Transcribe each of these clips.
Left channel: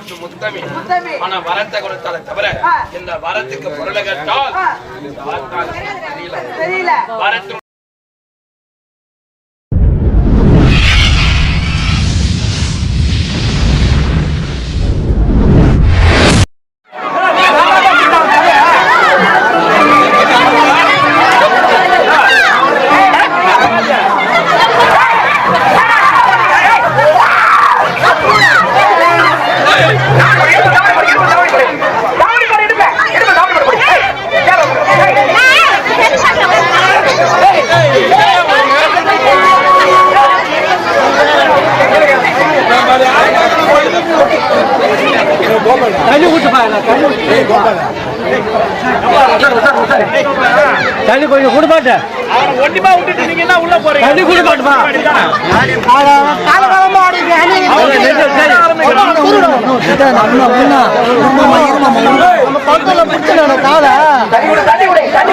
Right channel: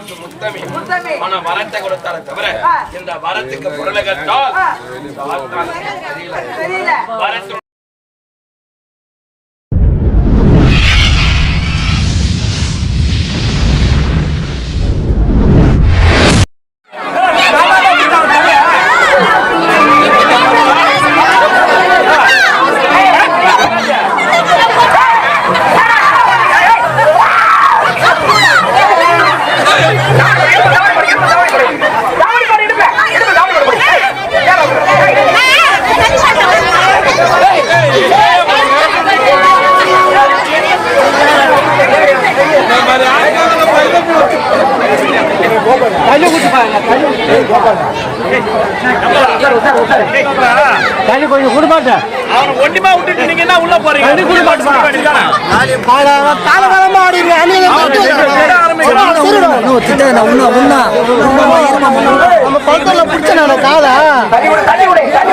போட்டு முத்தமி. மன வரத்தை கொடுத்தாலே தவிர. இந்த வரத்துக்கு பொருளை கட்டால் ஆ. இந்த ஆத்தான் தெரியல தெரியல வரத்து தண்ணி கொஞ்சம் கொடுப்பாட்ட ஒண்டிமா விட்டுட்டு நீங்க என்ன உள்ள போறீங்க தண்ணி கொடுப்பாட்டுமா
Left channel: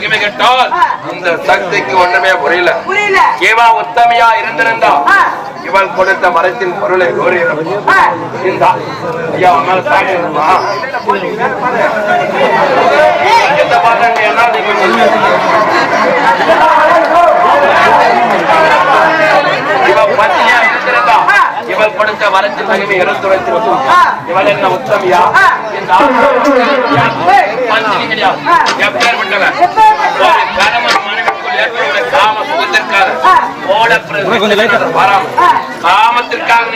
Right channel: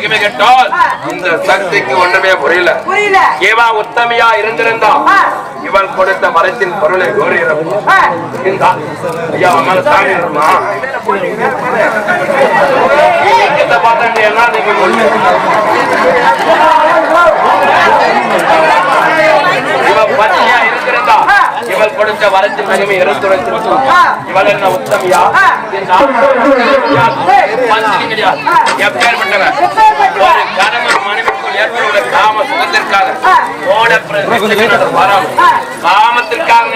மிகுமை கட்டால். இந்த சக்திக்கு ஒண்ணுமே புரியல. இவா உத்தமியா இருந்திருந்தா. இவன் கொடுத்த மரத்தின் பொருளை ஆ. இந்த என்ன இவள் கொடுத்த வரத்தின் மகிமை எடுத்துரைத்திருக்கும் இவள் என்ன உத்தமியா? எப்பேற்பட்டவன் காம சுகத்திற்காக ஓட பிறகு வராமல் காமத்திற்காக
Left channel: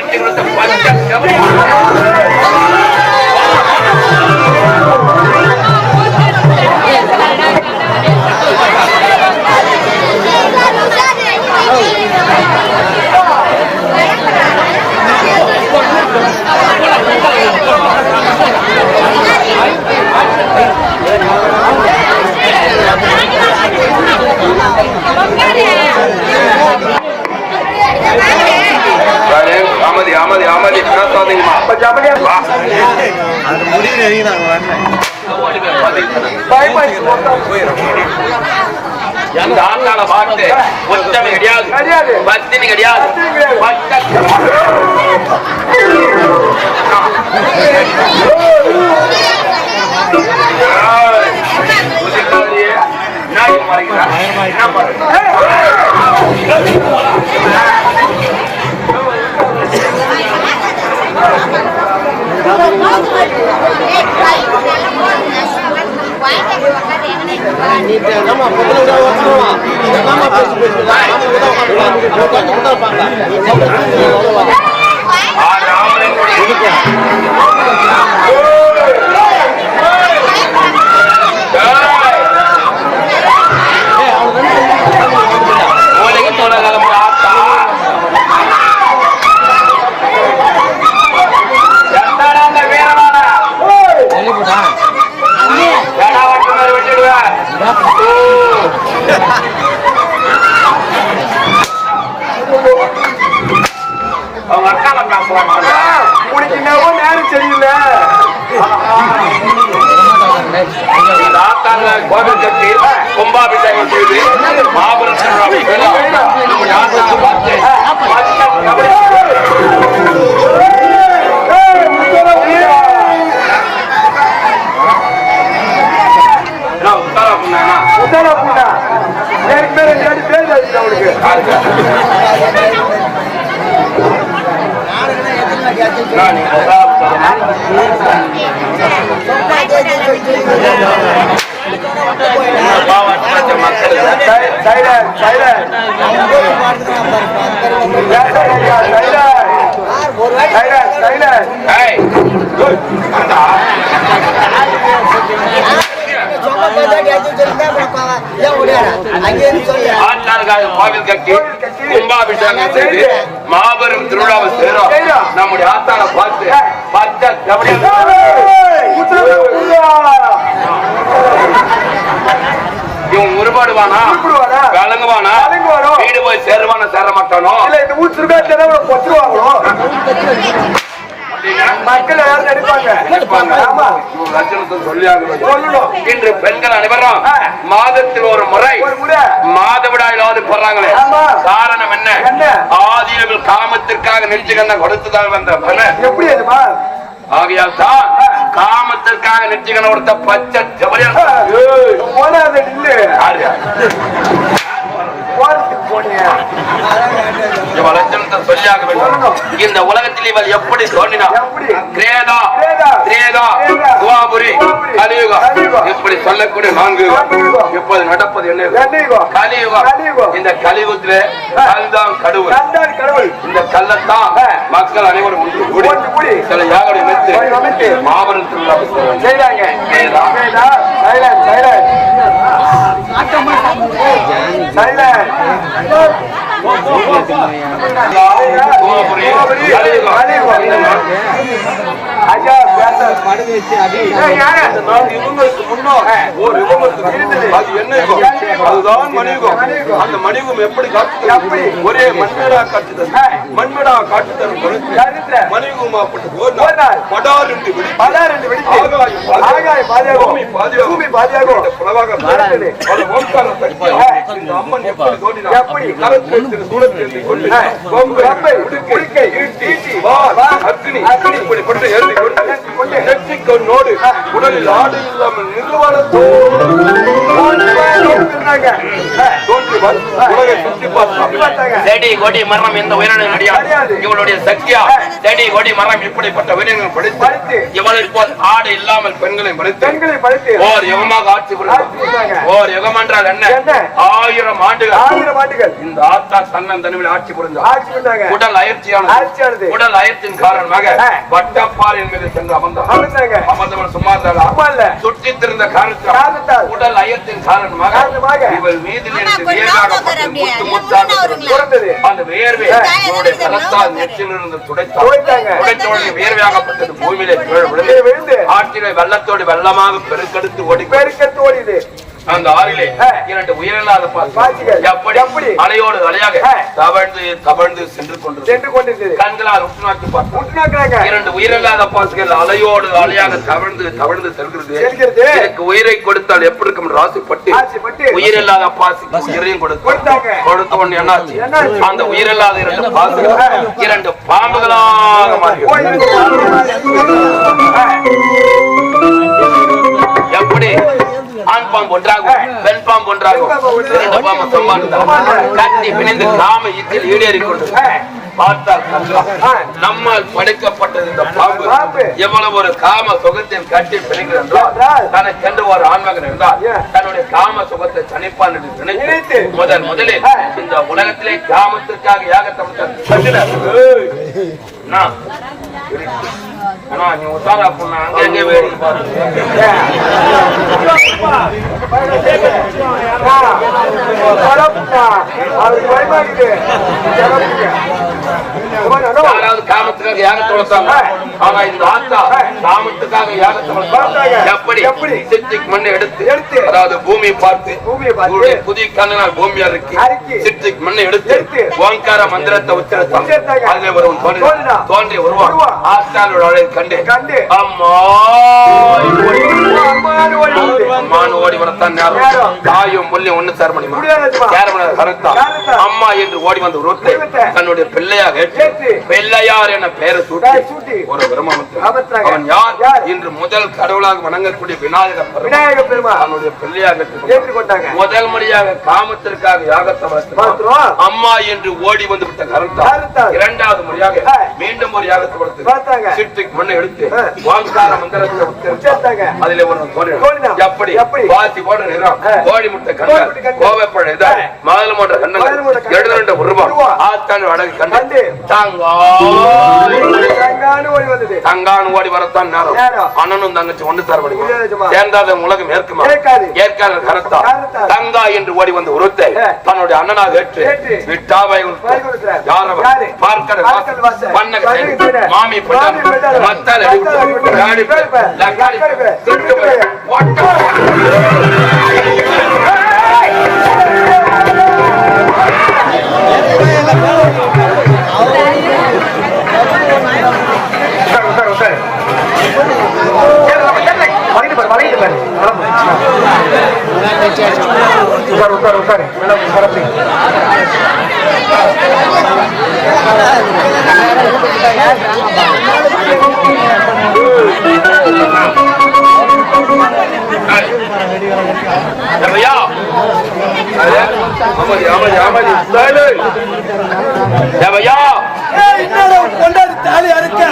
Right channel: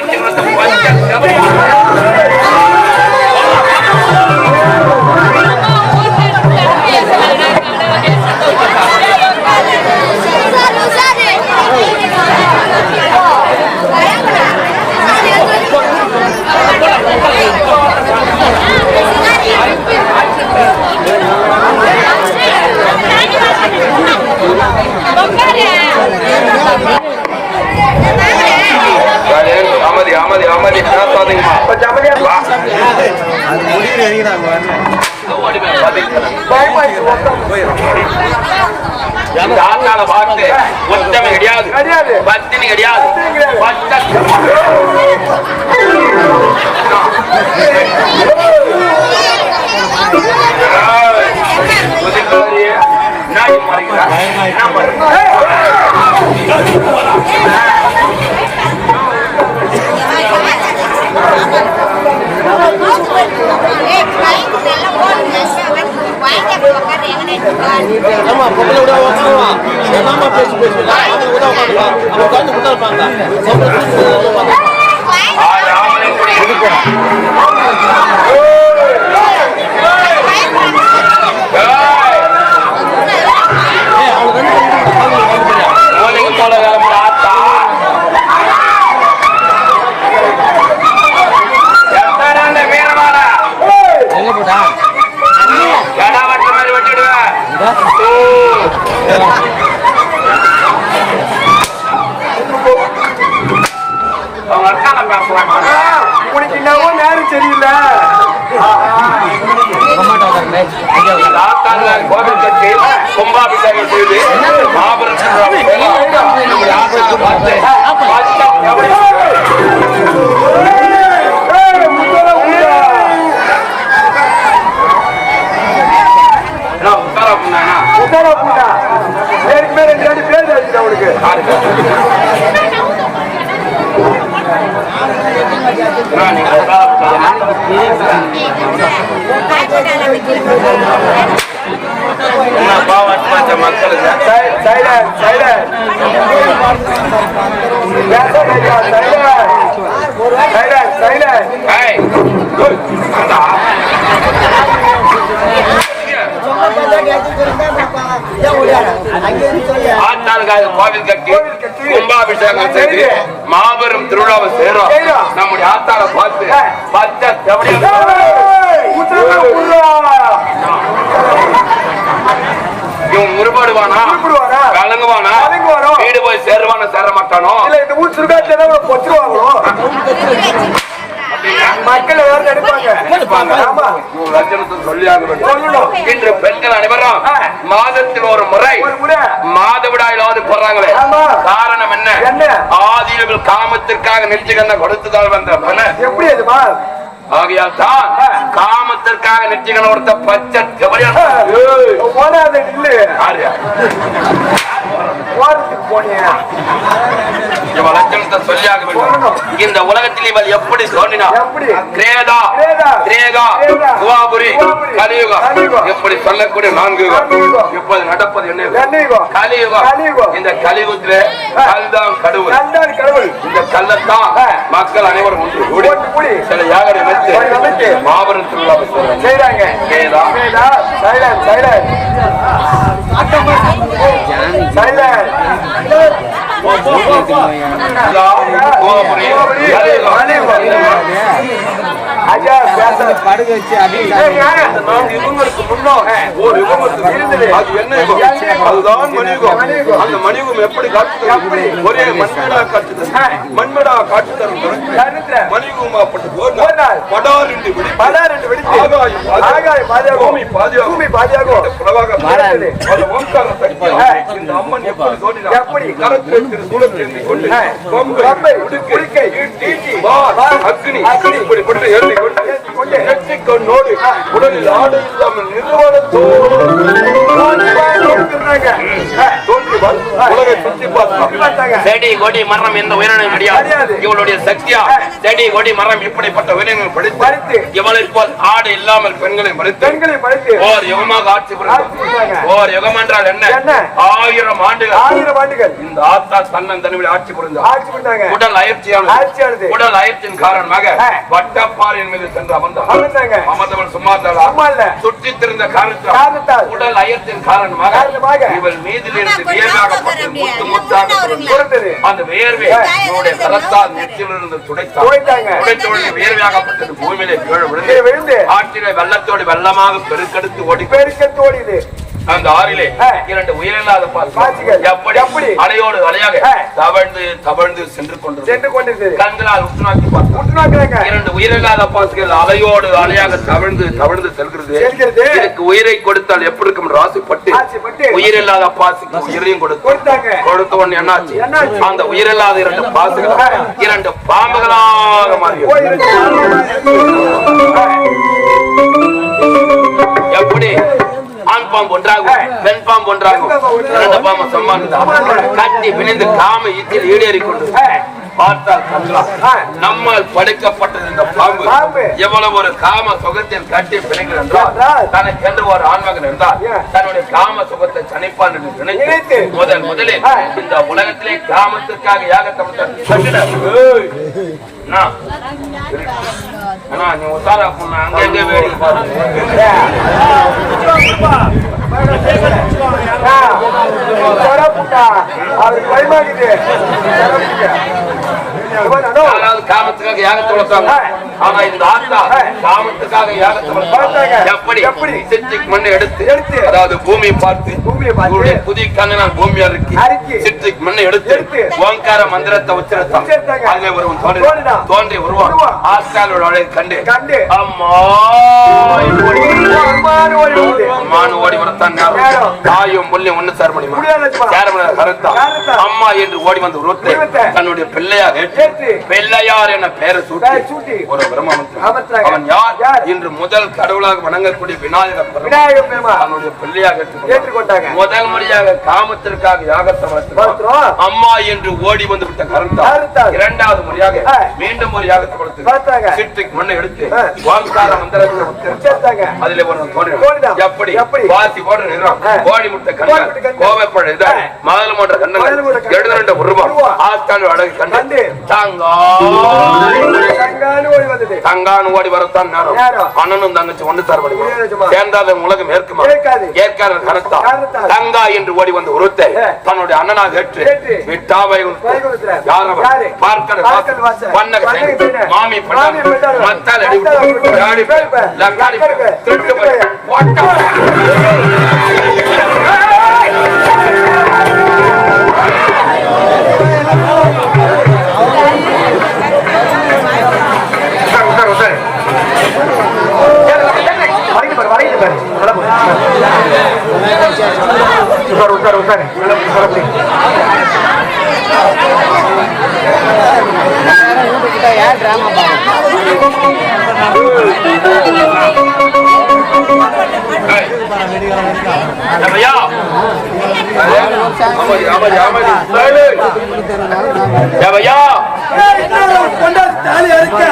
ஆமா பொம்பளை விட உட்காருவான் மாமா பேசி பேசி மாமலை விட இருப்பாங்க ஏய் அவனுக்கு ரெண்டு மூளைக்கு போல கிளம்புற ஆத்தா. எத்தனை அந்த வீரமான எழுப்பிடா கடா வெட்டு மாதிரி வெட்டிடுவேன் அவங்க அக்கால பேசுறாங்க உனக்கு என்னவோ நேரம் சரியில்லை கோவில் கட்டி கும்பாபிஷேகம் செய்து மாபெரும் நம்ம ஆத்தால பார்த்து உத்தர புண்ணா உத்தர புண்ணா நேருக்கு மேல ரெண்டு அடி பேர் ஆச்சு அவனுக்கு யாருக்கு மக்களுக்கு சைலன் கோவில் கட்டி கும்பாபிஷேகம் செய்து மாபெரும் திருவிழாவை சேரும் நம்முடைய ஆத்தாளை பார்த்து பச்சை செவடி இவன் உருப்பாடுவானா? கலங்குவானா? வீடு போய் சேருவானா சேர மாட்டானோ? இல்ல இந்த ஊர் சுருக்காச்சு மக்கள் யாரும் நினைப்பாங்க. இன்று பெண்கள் அனைவரும். மாதத்தில் ஒரு முறை ஒரு முறை. மாதவிடாயிலாவது போறாங்களே. காரணம் என்ன? என்ன? ஆதியர்கள் காமத்திற்காக நெற்றிகண்ண கொடுத்ததால் வந்த பலன். எப்படி அதுமா ஆகையால் தான் காமத்திற்காக நெற்றிகண்ண கொடுத்த பச்சை இந்த உலகத்தில் இவள் எப்படி தோன்றினார் எப்படி? கிரேதா கிரேதா, குவாபுரி கலியுகம். இப்படி சொல்லக்கூடிய நான்கு. இப்போது நடப்பது என்ன யுகம்? கலியுகம். இந்த கலியுகத்திலே கல்தான் கடவுள் இந்த கல்லத்தான். மக்கள் அனைவரும் ஒன்று கூடி சில அமைத்து அமைத்து மாபெரும் திருவிழா. கேதா, சைலண்ட் சைலண்ட் படுக்க வச்சு ஏய், யாரு? இவங்களுக்கு முன்னால் ஒரு யுகம் இருந்தது. அது என்ன? அதுதான் மணியுகம். அந்த மணியுகம் எப்படி காட்சி எப்படி? ஒரே மண்மேடா காட்சி தரும். மண்மேடா காட்சி தரும் என்று வெடித்து பலர் ரெண்டு ஆகாயம். ஆகாயம். பூமி. பூமி. அது அம்மன் எப்படி? எப்படி? கரத்தில் கொண்டு. கொம்பு, உடுக்கை, உடுக்கை, ஈட்டி, ஈட்டி, வாள், வாள், அக்கினி, உடலில் ஆடை இல்லாமல் நிர்வாணத்தோடு சொன்னாங்க. தோன்றுதல் உலகை சுற்றி பார்த்தார். பார்த்தாங்க. செடி கொடி மரம் எந்த உயிரினம் கிடையாது கிடையாது. இவளுடைய சக்தியா செடி கொடி மரம் இப்படிப்பட்ட உயிரினங்கள் படைத்து. படித்து இவளை போல் ஆடு இல்லாமல் பெண்களை படுத்து ஓர் யுகமாக ஆட்சி புரிந்தாங்க. ஓர் யுகம் என்றால் என்ன? ஆயிரம் ஆண்டுகள் ஆயிரம் ஆண்டுகள் இந்த ஆத்தா தன்னன் தனிவில் ஆட்சி புரிந்தார் உடல் அயற்சியானது. உடல் அயற்சியின் காரணமாக ஆ. மீது சென்று அமர்ந்தாங்க. சும்மா இருந்தாளா திருந்த காரணத்தால். உடல் காரணமாக. இவள் மீதில் இருந்து முத்தாக அந்த நெற்றிலிருந்து துடைத்தாங்க. துடைத்தோடு பூமியிலே விழுந்து ஆற்றிலே வெள்ளத்தோடு வெள்ளமாக பெருக்கெடுத்து ஓடி பெருக்கத்து ஓடியது. அந்த ஆறிலே. இரண்டு உயிரில்லாத. எப்படி எப்படி? அலையோடு அலையாக. தவழ்ந்து தவழ்ந்து சென்று கொண்டு சென்று கொண்டிருந்தது கண்களால் உற்று நோக்கி உற்றுநோக்குறாங்க. இரண்டு உயிரில்லாத பாசிகள் அலையோடு அலையாக தவழ்ந்து தவழ்ந்து செல்கிறது செல்கிறது. இதுக்கு உயிரை கொடுத்தால் எப்படி இருக்கும் என்று ஆசைப்பட்டு உயிரில்லாத பாசிக்கு உயிரையும் கொடுத்தார் கொடுத்தாங்க. கொடுத்த உடனே என்னாச்சு? அந்த உயிரில்லாத இரண்டு பாசிகள் இரண்டு பாம்புகளாக அந்த பாம்பு ஒன்றாகும் பெண் பாம்பு ஒன்றாகும். இரண்டு பாம்பு சம்மானம் கட்டி பிணைந்து காம இக்கில் ஈடேறி கொண்டு பார்த்தால். நம்மால் படைக்கப்பட்டது இந்த பாம்பு. எவ்வளவு ஒரு காம சுகத்தில் கட்டி பிணைக்கிறது தனக்கென்று ஒரு ஆண்மகன் இருந்தால். தன்னுடைய காம சுகத்தை தனிப்பான் என்று நினைத்து. முதல் முதலில். இந்த உலகத்திலே காமத்திற்காக யாகத்தை விட்டார். அண்ணா, அண்ணா, நீ உத்தாரா பொண்ணு அங்க எங்க வேடிக்கை பாரு பரப்புக்கா. யாராவது காமத்துக்காக யாகத்தை வளர்த்தாங்க ஆனா இந்த ஆத்தா காமத்துக்காக யாகத்தை வளர்த்தாங்க எப்படி எப்படி? சித்திக் மண்ணை எடுத்து எடுத்து. அதாவது பூமியை பார்த்து பூமியை புதிய கண்ணனால் பூமியா இருக்கு. சித்திக் மண்ணை எடுத்து. ஓங்கார மந்திரத்தை உச்சரித்தான். அதுல ஒரு தோன்றி வருவான். ஆத்தாளோட அழகை கண்டு கண்டு. அம்மா அம்மானு ஓடி வரத்தான். தாயும் முள்ளையும் ஒண்ணு சேர முடியுமா முடியாது அம்மா. சேரமண கருத்தா. அம்மா என்று ஓடி வந்து. தன்னுடைய பிள்ளையாக ஏற்று. பிள்ளையார் என பெயரை சூட்டி. ஒரு. அவன் யார்? இன்று முதல் கடவுளாக வணங்கக்கூடிய விநாயகர் பெருமாள் விநாயகர் பெருமாள் தன்னுடைய பிள்ளையாக. ஏற்றுக்கொண்டாங்க. முதல் முறையாக காமத்திற்காக யாகத்தை. வளர்த்தினார். அம்மா என்று ஓடி வந்து விட்ட கருத்தா. இரண்டாவது முறையாக. மீண்டும் ஒரு யாகத்தை. வளர்த்து சிட்டுக்கு மண்ணை எடுத்து. வாங்கார மந்திரத்தை. அதுல. தோன்றினான். எப்படி எப்படி? நிறம் ஆ. கோடி முட்டை கோழி கண்ணல் முட்டை கண்ணல். கோவைப்பழ இதழ் ஆ. மதுளை போன்ற மதுளை போன்ற கண்ணல் கண்ணல். எழுத ரெண்டு உருவம். ஆத்தாள் அழகு கண்டு. கண்டு தாங்கா. தங்கானு ஓடி வந்தது. தங்கான் ஓடி வரத்தான் நேரம். நேரம். அண்ணனும் தங்கச்சி ஒன்று சார் முடியாதுமா. சேர்ந்தாத உலகம் ஏற்குமா? ஏற்காது. ஏற்காத கருத்தா? கருத்தா. தங்கா என்று ஓடி வந்து உருத்தை ஏ. தன்னுடைய அண்ணனாக ஏற்று. விட்டாவை. யார் அவன்? என்னடா மேடம் பொண்டாட்டி தாலியா இருக்க?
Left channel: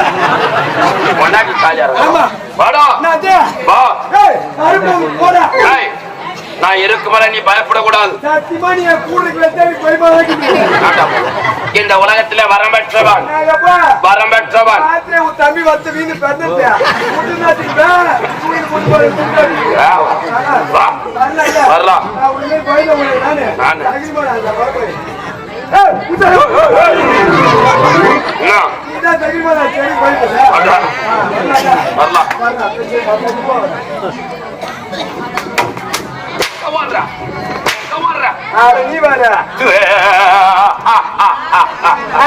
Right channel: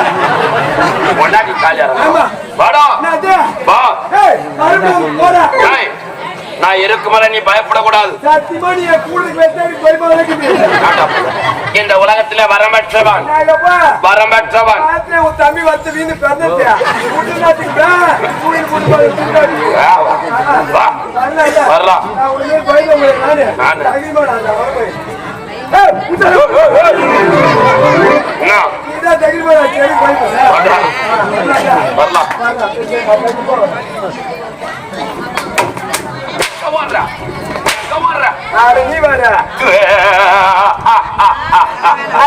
பொண்டாட்டி காலியா இருக்கா? ஆமா. வாடா. என்னது? வா. நான் இருக்கும் வரை நீ பயப்படக்கூடாது. இந்த உலகத்திலே வரம்பெற்றவன். வரம்பெற்றவன். தம்பி வந்து வீணு. வரலாம். வரலாம். அட, நீ வேற.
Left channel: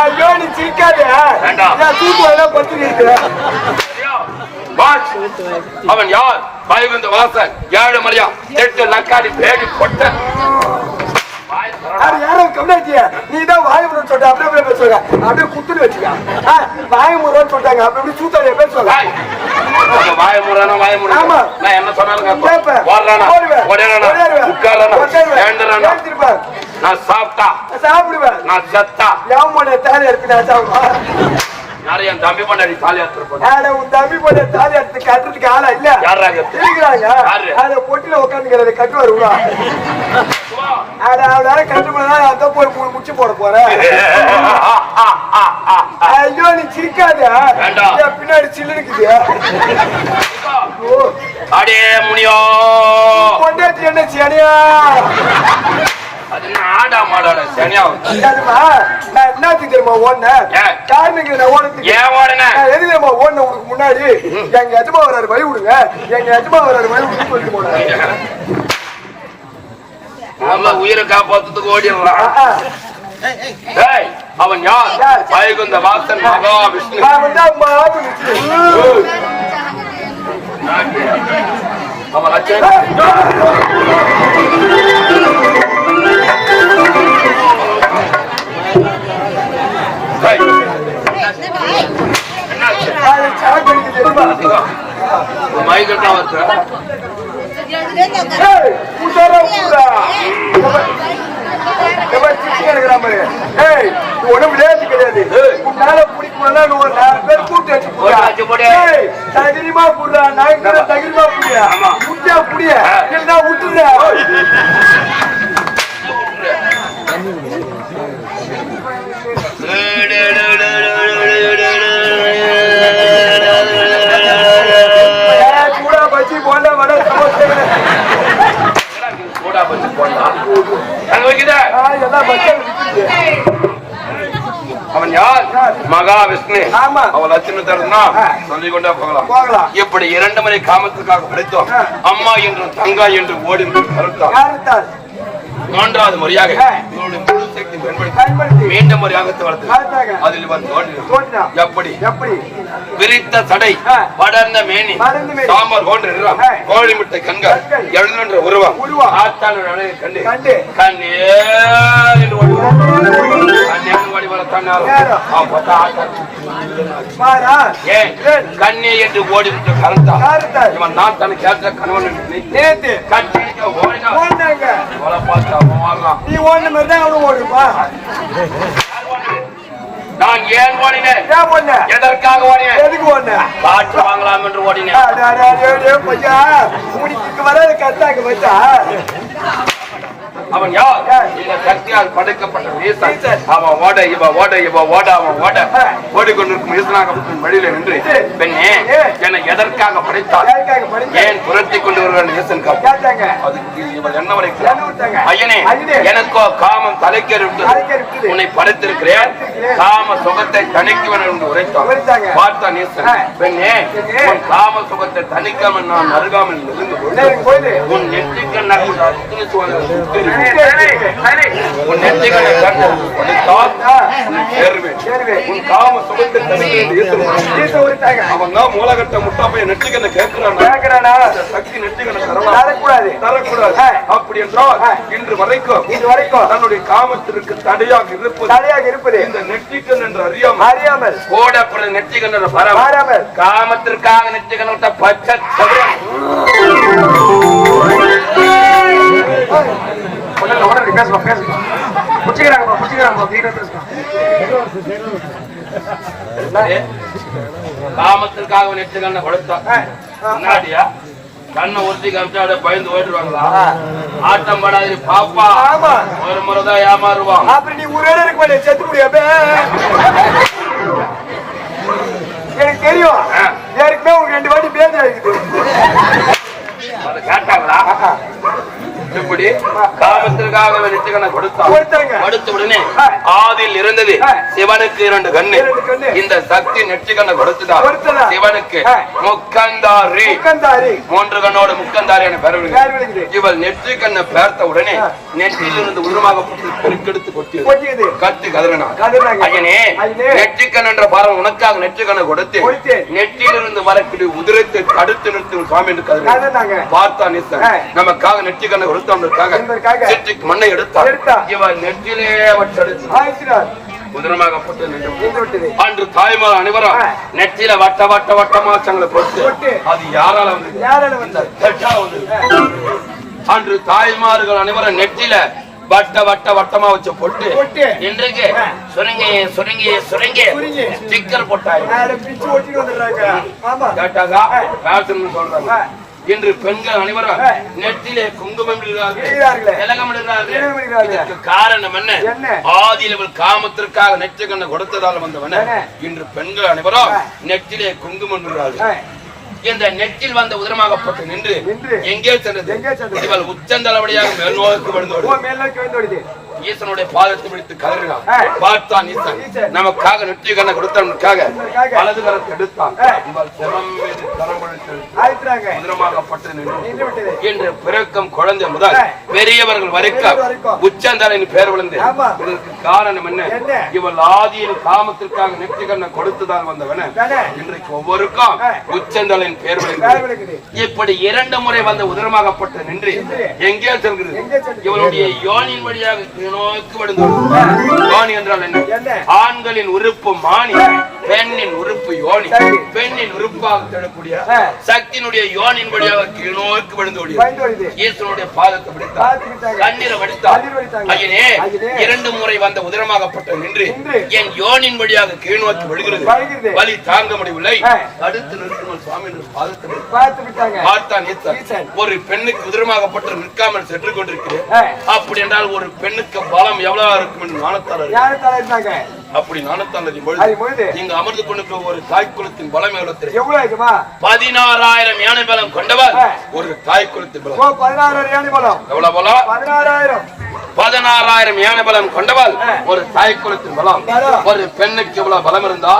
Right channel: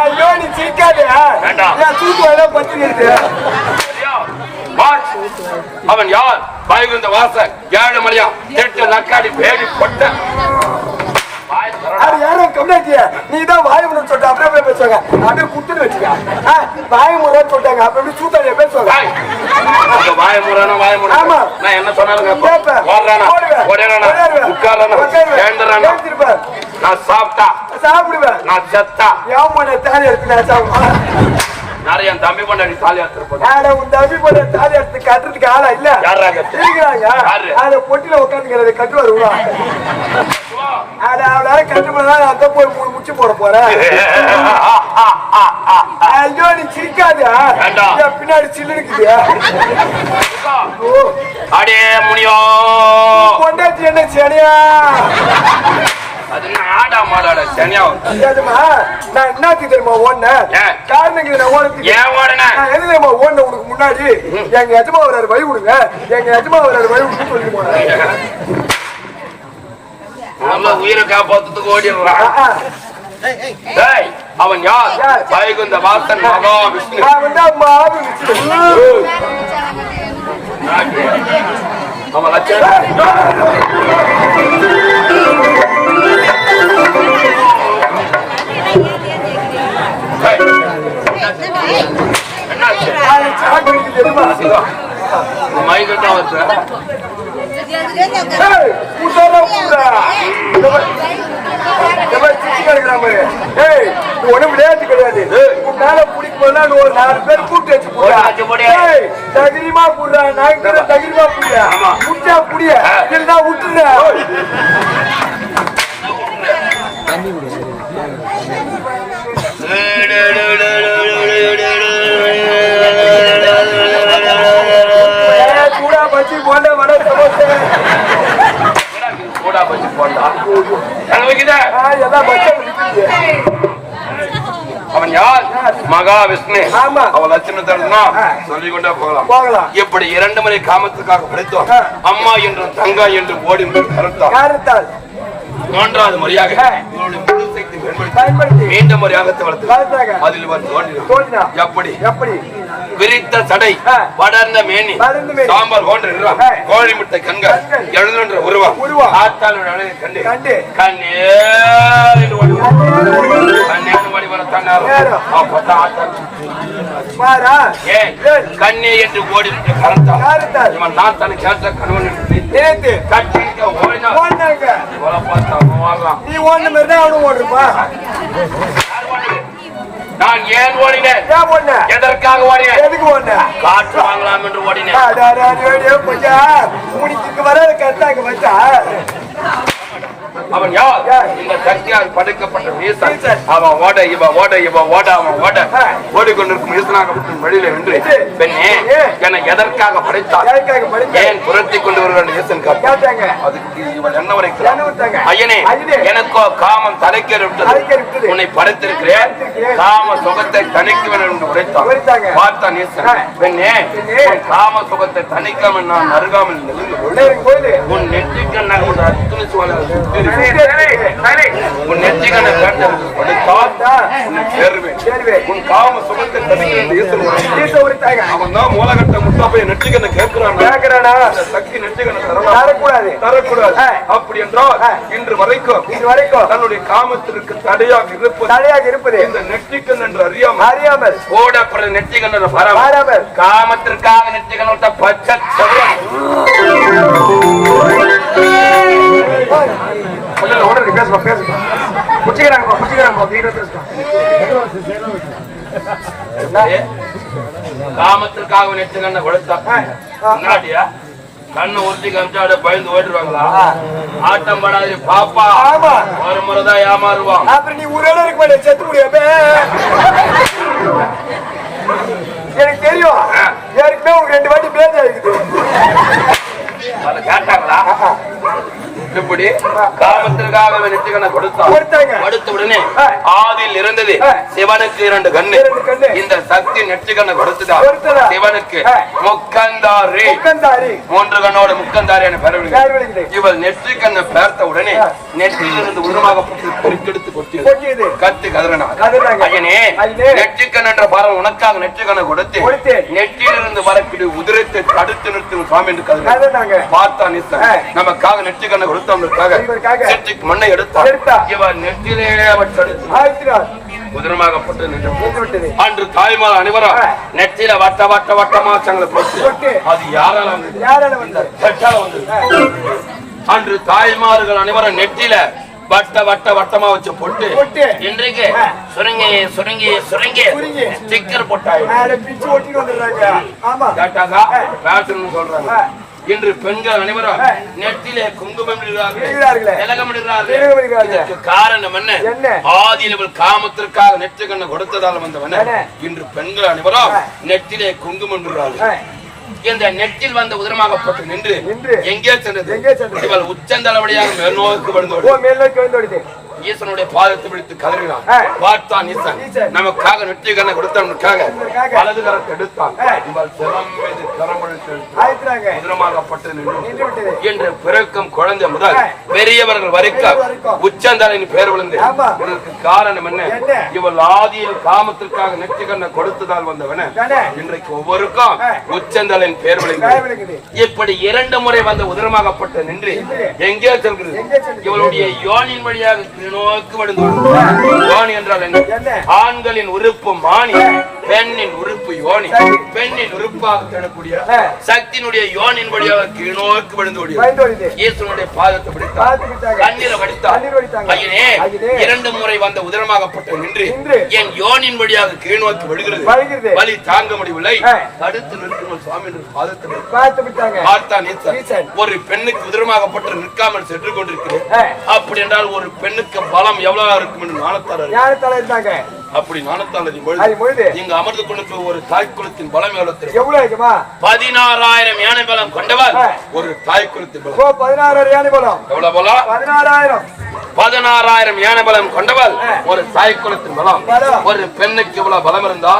ஐயோ, நீ. நான் வேணா பத்திரிக்கை. அவன் யார் பயகுந்த வாசன் ஏழு மலையா எட்டு லக்காடி பேடி கொட்ட. அது யாரோ கம்னாச்சியா நீ தான் வாயமுறை சொல்ற அப்படியே அப்படியே பேசுவாங்க அப்படியே குத்துன்னு வச்சுக்க வாயமுறை சொல்றாங்க அப்படி அப்படி சூத்தாங்க பேசுவாங்க ஏய், உங்க வாய முறானா, வாய முறானா? ஆமா. நான் என்ன சொன்னாலும். ஓடுறானா. ஓடிறானா. எழுந்துறானா? எழுந்திருப்பேன். நான் சாப்பிட்டா சாப்பிடுவேன் நான் செத்தா யாமனை தாலி எடுத்து நான் சாப்பிடுவேன் நிறைய தம்பி பண்ணாடி தாலி உன் தம்பி போட தாலி கட்டுறதுக்கு ஆளா இல்ல? இருக்கிறாங்க? ஆட பொட்டில உட்காந்துக்கிறத உள்ள ஆட அவளால கட்டுப்பதான் அந்த போய் மூணு முச்சு போட போறேன். ஐயோ நீ சிரிக்காத பின்னாடி சில்லு இருக்குது அடே முனியோ. கொண்டாச்சு என்ன சனியா? நாடா மாடோட சனியா தெரியுமா நான் என்னத்துக்கு தெரியுமா ஓடினேன் ஏன்? காரணங்க நான் ஓடுறதுக்கு ஏன் ஓடுன? நான் ஓடின உனக்கு முன்னாடி? எங்க எஜமா வர்றாரு வழி விடுங்க எங்க எஜமா வர்றாரு வழி விடுங்க சொல்லிட்டு போனேன் நம்ம உயிரை காப்பாத்துறதுக்கு டேய், அவன் யார்? யார்? வைகுந்த வாசன் மகாவிஷ்ணு. அவன் லட்சம் ஒண்ணும் விளையாட்டு கிடையாது. உன்னால ஒரு நாலு பேர் கூட்டி வச்சு போடுறா. புடுறா. புடியா. ஆமா. புடியா. இல்லைன்னா விட்டுடுறா. அவன் யார்? மகாவிஷ்ணு. ஆமா. அவன் லட்சணத்தா சொல்லிக் கொண்டே போகலாம். போகலாம். இப்படி இரண்டு முறை காமத்துக்காக படித்தோம். அம்மா என்றும் தங்கா என்று ஓடி காரத்தால் மூன்றாவது முறையாக பயன்படுத்தி மீண்டும் முறையாக வளர்த்து காத்தாங்க. அதில். தோன்றினார். எப்படி எப்படி விரித்த சடை. படர்ந்த மேனி. சாம்பார் போன்ற நிறம். கோழி முட்டை கண்கள். எழுதுன்ற உருவம். ஆத்தான கண்டு. கண்ணே என்று ஓடி வா. கண்ணேன்னு ஓடி வரத்தான் நேரம். நேரம். அப்பதான் ஆத்தா. பாரா ஏன் ஏன்? கண்ணே என்று ஓடிவிட்ட இவன் நான் தனக்கு கணவன் கட்டிட்டு ஓடினான். ஓடினாங்க பார்த்தா. நீ ஓடின மாதிரி தான் அவனும் ஓடுப்பா நான் ஏன் ஓடினேன்? ஏன் ஓடின? எதற்காக ஓடினேன்? எதுக்கு ஓடின? காற்று வாங்கலாம் என்று ஓடினேன். அடா, அடா, அடா, அடா, அவன் யார்? இந்த சக்தியால் படைக்கப்பட்ட. அவன் ஓட இவ ஓட இவ ஓட அவன் ஓட. ஓடிக்கொண்டிருக்கும் வீசனாக விட்டு வெளியில நின்று. பெண்ணே. என்னை எதற்காக படைத்தார் ஏன் புரட்டி கொண்டு காட்டு கேட்டாங்க அதுக்கு இவள் என்ன வரைக்கும்? ஐயனே. எனக்கோ காமம் தலைக்கேறு. உன்னை படைத்திருக்கிறேன். காம சுகத்தை தணிக்குவன் என்று உரைத்தான். பார்த்தான் ஈசன். பெண்ணே காம சுகத்தை தணிக்காமல் நான் அருகாமல் உன் நெற்றிக்கண் நகர்ந்து மூலகட்ட முட்டா போய் நெற்றிக்கண்ணை கேட்கிறான் சக்தி தரக்கூடாது தரக்கூடாது. அப்படி என்றால் ஆ. இன்று வரைக்கும் வரைக்கும் தன்னுடைய காமத்திற்கு தடையாக இருப்பது தடையாக இருப்பது இந்த நெற்றிக்கண் என்று அறியாமல் அறியாமல் பறவை மாறாமல் காமத்திற்காக நெற்றிக்கண் விட்ட பச்சை ஒண்ணு ஒண்ணு பேசுமா பேசுமா புடிச்சுக்கிறாங்க புடிச்சுக்கிறாங்க தீர பேசுமா ஏ, காமத்திற்காக நெற்றிக்கண்ணை கொடுத்தா ஆ. முன்னாடியா? கண்ணை ஒருத்தி காமிச்சா பயந்து ஓடுவாங்களா ஆட்டம் படாது பாப்பா. ஒரு முறைதான் ஏமாறுவான். அப்புறம் நீ உயிரோட இருக்க மாட்டே செத்து முடியாம எனக்கு தெரியும். ஏற்கனவே உங்க ரெண்டு வாட்டி பேர் கேட்டாங்களா? இப்படி காமத்திற்காக நெற்றிக்கண்ணை கொடுத்தான் கொடுத்தாங்க அடுத்த உடனே. ஆதியில் இருந்தது. சிவனுக்கு இரண்டு கண்ணு. இந்த சக்தி நெற்றிக்கண்ணை கொடுத்ததா? சிவனுக்கு. முக்கந்தாரி மூன்று கண்ணோட முக்கந்தாரி என பெற யார் விடுகிறது இவள் நெற்றிக்கண்ணை பார்த்த உடனே ஆ. நெற்றியில் இருந்து உருவாகப்பட்டு பெருக்கெடுத்து கொட்டியது கத்து கதறினாங்க. ஐயனே. நெற்றிக்கண் என்ற பரம் உனக்காக நெற்றிக்கண்ணை கொடுத்து. நெற்றியிலிருந்து வரக்கூடிய உதிரத்தை தடுத்து நிறுத்தும் சுவாமி என்று கதறினாங்க. பார்த்தா ஆ. நமக்காக நெற்றிக்கண்ணை கொடுத்தவனுக்காக நெற்றிக்கு மண்ணை எடுத்தான் எடுத்தா. இவன் நெற்றிலே உதிரமாகப்பட்டு நின்று விட்டது அன்று தாய்மார் அனைவரும் ஆ. நெற்றியில வட்ட வட்ட வட்டமா சங்களை போட்டு போட்டு. அது யாரால வந்தது யாரால வந்தார் செட்டால வந்தது அன்று தாய்மார்கள் அனைவரும் நெற்றியில வட்ட வட்ட வட்டமா வச்சு பொட்டு. இன்றைக்கு. சுருங்கி சுருங்கி சுருங்கி. ஸ்டிக்கர் போட்டாங்க சொல்றாங்க. இன்று பெண்கள் அனைவரும். நெற்றிலே குங்குமம் இடுகிறார்கள் காரணம் என்ன என்ன? ஆதியில் காமத்திற்காக நெற்றி கண்ணை கொடுத்ததால் வந்தவன? இன்று பெண்கள் அனைவரும். நெற்றிலே குங்குமம் இடுகிறார்கள். இந்த நெற்றில் வந்த உதிரமாகப்பட்டு நின்று நின்று. எங்கே சென்றது எங்கே சென்றது? இவள் உச்சந்தளபடியாக மேல்நோக்கு ஈசனுடைய பாதத்தை பிடித்து கதறினான். பார்த்தான் ஈசன். நமக்காக நெற்றி கண்ணை கொடுத்தவனுக்காக. வலது கரத்தை எடுத்தான் சிரம் மீது கரம் என்று பிறக்கும் குழந்தை முதல். பெரியவர்கள் வரைக்கும். உச்சந்தலையின் பேர் விழுந்து. இதற்கு காரணம் என்ன? இவள் ஆதியில் காமத்திற்காக நெற்றி கண்ணை கொடுத்ததால் வந்தவன? இன்றைக்கு ஒவ்வொருக்கும். உச்சந்தலையின் வேலை விழுந்து இப்படி இரண்டு முறை வந்த உதிரமாகப்பட்டு நின்று எங்கே செல்கிறது? இவளுடைய யோனின் வழியாக நோக்கி விடுந்தோம் யோனி என்றால் என்ன? ஆண்களின் உறுப்பு மானி பெண்ணின் உறுப்பு யோனி. பெண்ணின் உறுப்பாக கிடக்கூடிய ஆ. சக்தியினுடைய யோனின் வழியாக கீழ்நோக்கி விழுந்து ஓடியது. ஈஸ்வரனுடைய பாதத்தை பிடித்தார். கண்ணீரை வடித்தார். ஐயனே. இரண்டு முறை வந்த உதிரமாகப்பட்ட நின்று. என் யோனின் வழியாக கீழ்நோக்கி விழுகிறது. வலி தாங்க முடியவில்லை. தடுத்து நிறுத்தணும் சுவாமி பார்த்தான். ஒரு பெண்ணுக்கு உதிரமாகப்பட்டு நிற்காமல் சென்று கொண்டிருக்கிறேன். அப்படி என்றால் ஒரு பெண்ணுக்கு பலம் எவ்வளவு இருக்கும் என்று இருந்தாங்க அப்படி நாணத்தால் இங்கு அமர்ந்து கொண்டிருக்க ஒரு தாய் குலத்தின் பலம் எவ்வளவு பதினாறாயிரம் யானை பலம் கொண்டவர். ஒரு தாய் குலத்தின் பலம். ஓ பதினாறு யானை பலம். எவ்வளவு பலம் பதினாறாயிரம். பதினாறாயிரம் யானை பலம் கொண்டவள். ஒரு தாய் குலத்தின் பலம். ஒரு பெண்ணுக்கு இவ்வளவு பலம் இருந்தா.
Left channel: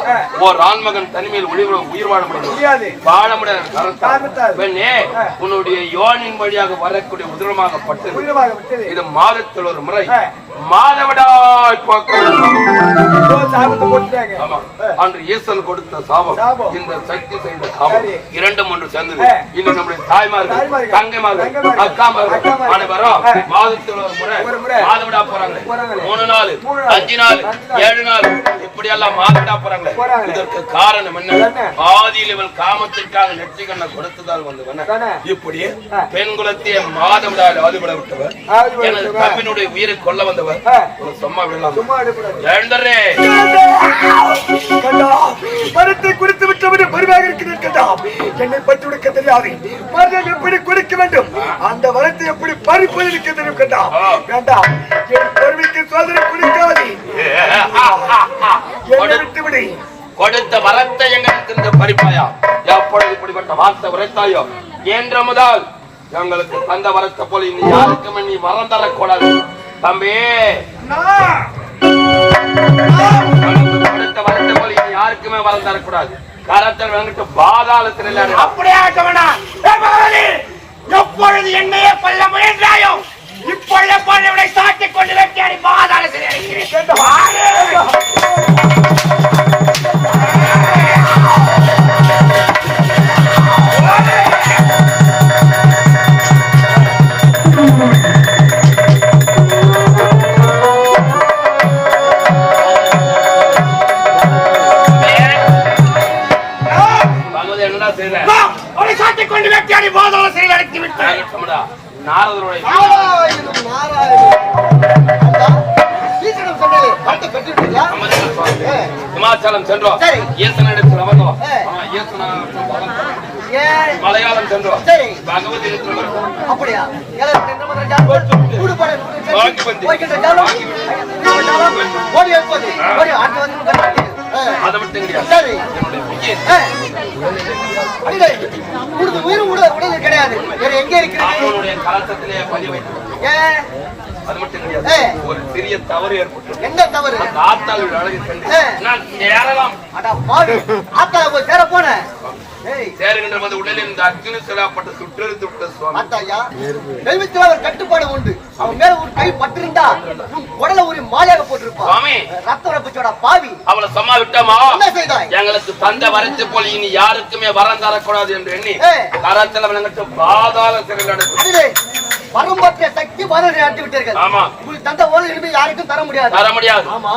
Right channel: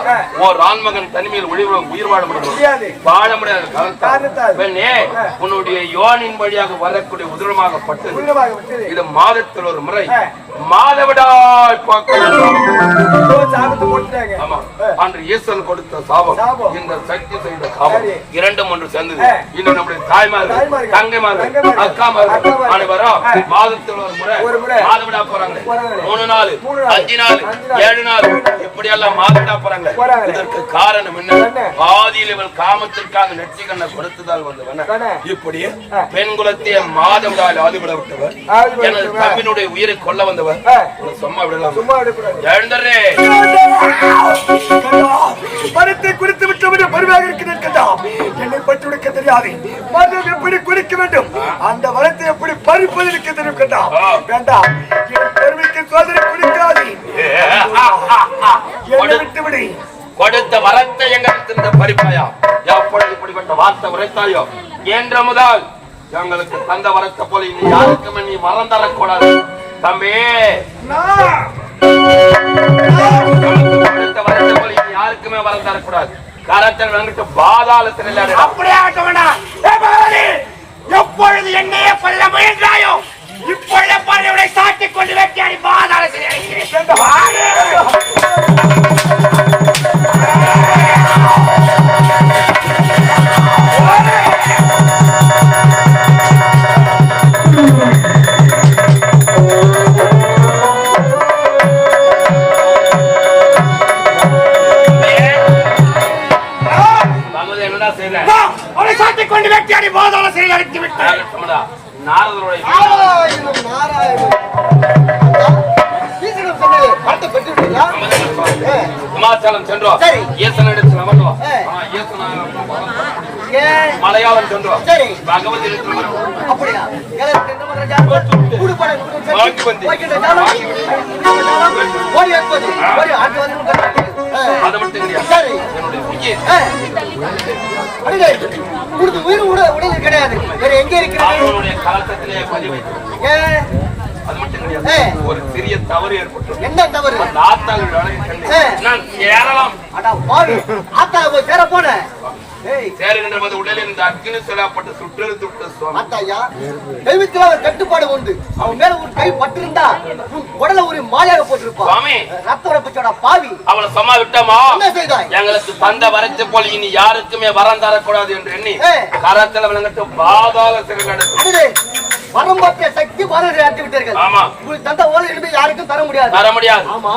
ஒரு ஆண்மகன் தனிமையில் உயிர் உயிர் வாழ முடியாது. வாழ முடியாத. பெண்ணே. உன்னுடைய யோனின் வழியாக வரக்கூடிய உதிரமாகப்பட்டது இது மாதத்தில் ஒரு முறை. மாதவிடாய் பார்க்கலாம் அன்று ஈசன் கொடுத்த சாபம். இந்த சக்தி செய்த சாபம் சரி. இரண்டும் ஒன்று சேர்ந்தது ஆ. இது நம்முடைய தாய்மார்கள் தாய்மார்கள், தங்கைமார்கள் தங்கைமார்கள், அக்காமார்கள் அக்காமார்கள். அனைவரும் ஆ. மாதத்தில் ஒரு முறை ஒரு முறை. மாதவிடா போறாங்களே போறாங்களே. மூணு நாள் அஞ்சு நாள் நாள். ஏழு நாள் இப்படி எல்லாம் மாதவிடா போறாங்களே. இதற்கு காரணம் என்ன? ஆதியில் இவன் காமத்திற்காக நெற்றிக்கண்ணை கொடுத்ததால் வந்தவன? இப்படி. பெண் குலத்தையே மாதவிடால் ஆதிபட விட்டவர் எனது. தம்பினுடைய உயிரை கொல்ல வந்தவர் சும்மா விடலாம் எழுந்தரே கண்டா மரத்தை குறித்து விட்டவரு பருவாக இருக்கிறேன் கண்டா என்னை பற்றி உனக்கு தெரியாது மரம் எப்படி குறிக்க வேண்டும் அந்த மரத்தை எப்படி பறிப்பது இருக்க தெரியும் கண்டா வேண்டாம் என் பொறுமைக்கு சோதனை குறிக்காது என்னை விட்டு விடு கொடுத்த வரத்தை எங்களுக்கு பறிப்பாயா? எப்பொழுது இப்படிப்பட்ட வார்த்தை உரைத்தாயோ? என்ற முதல் எங்களுக்கு தந்த வரத்தை போல இனி யாருக்குமே நீ வரம் தரக்கூடாது. தம்பி. யாருக்குமே வரம் தரக்கூடாது. கரத்தில் வந்துட்டு பாதாளத்தில் இல்லை. அப்படியாக வேண்டாம் எப்பொழுது என்னையே கொல்ல முயன்றாயோ இப்பொழுது பொருளை சாட்டிக் கொண்டு வைக்காடி பாதாள ஓடி ஓடி வந்து அதை மட்டும் கிடையாது சரி. உனது உயிர் உட- உடலில் கிடையாது. வேற எங்க இருக்கிறது? காலத்திலே பதிவு? அது மட்டும். கிடையாது ஒரு சிறிய தவறு ஏற்பட்டு என்ன தவறு? ஏ. நான் பாவி ஆத்தா சேர போன. ஏய் சேருகின்ற உடலில் இந்த அக்னி சிலாப்பட்டு சுற்றெழுத்து விட்ட சுவாமி. தெய்வத்தில் அவர் கட்டுப்பாடு உண்டு. அவன் மேல ஒரு கை பட்டிருந்தா உன் உடல ஒரு மாலையாக போட்டிருப்பா சுவாமி. ரத்த உடப்பிச்சோட பாவி. அவளை சும்மா விட்டோமா என்ன செய்தாய்? எங்களுக்கு தந்த வரத்தை போல் இனி யாருக்குமே வரம் தரக்கூடாது என்று எண்ணி. கரத்தில் விளங்கிட்டு பாதாள சிறையில் அடைத்து அடிலே வரம்பற்ற சக்தி பாரதி அடித்து விட்டீர்கள் ஆமா. உங்களுக்கு தந்த ஓலை இனிமே யாருக்கும் தர முடியாது. தர முடியாது. ஆமா.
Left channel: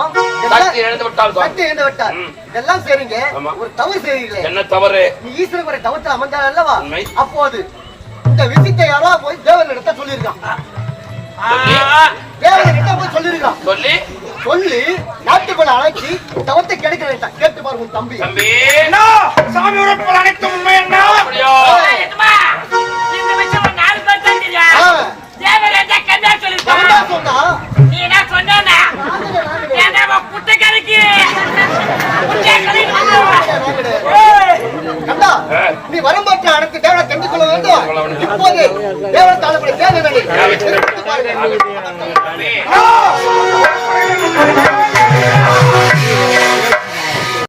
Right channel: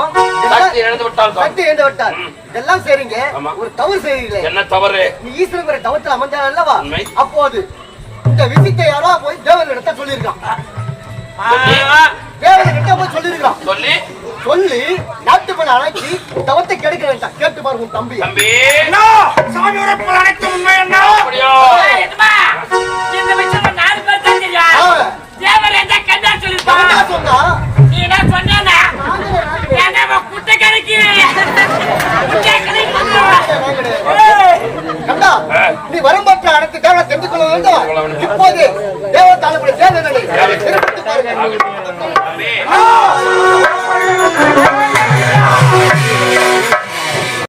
சக்தி இழந்து விட்டால். சக்தி இழந்து விட்டார் இதெல்லாம் செய்றீங்க. ஒரு தவறு செய்றீங்களே. என்ன தவறு? நீ ஈஸ்வரன் தவத்தில் அமர்ந்தார் அல்லவா. அப்போது இந்த விஷயத்தை யாரோ போய் தேவர்கிட்ட சொல்லியிருக்கான். தேவர்கிட்ட போய் சொல்லியிருக்கான். சொல்லி. சொல்லி நாட்டுப்பட அழைச்சி தவத்தை கெடுக்க வேண்டாம். கேட்டு பாரு உன் தம்பி. தம்பி சாமி உழைப்பு அனைத்து உண்மை என்ன? இந்த தேவையில்லை இருந்தா கண்ணா சொல்லிருக்கோம் நீ என்ன சொன்னா என்ன குட்டைக்கரைக்கு நீ வரும்பற்ற அனைத்து தேவனை தெரிந்து கொள்ள வேண்டும். இப்போது தேவ தலைமுறை தேவை பாருங்கள்